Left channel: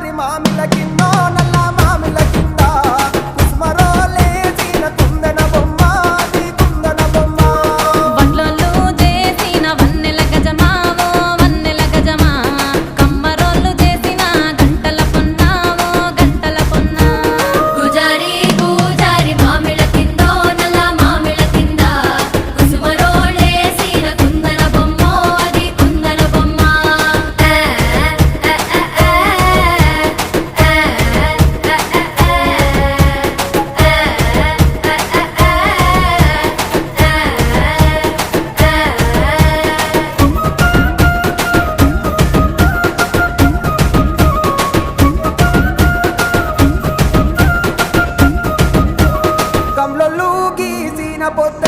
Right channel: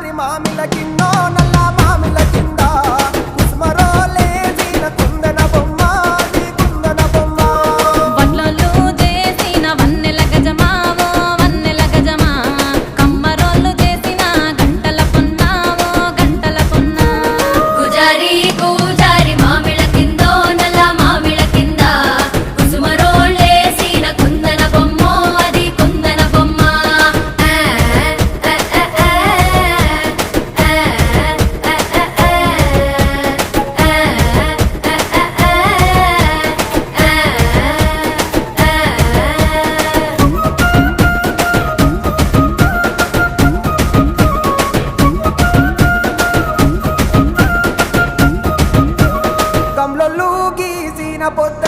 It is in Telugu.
పూజారి మామిల కిందో నల్ల మామిల కింద కుసుమరోలేసిన కుందన బొమ్మ అది కుందన బొమ్మ వడ్లొల్లు చేసిన వన్నెల గజమావో వన్నెల గజమా కమ్మరోళ్ళు చేసిన గంటల పొన్నావో గంటల పొన్నా పూజారి పూజారి మామిళ్ళ కిందో నల్ల మామిళ్ళ కింద కుసుమరోళ్ళేసిన కుందన బొమ్మ అది కుందన బొమ్మ గమ్లొల్లు గీసిన పొద్ద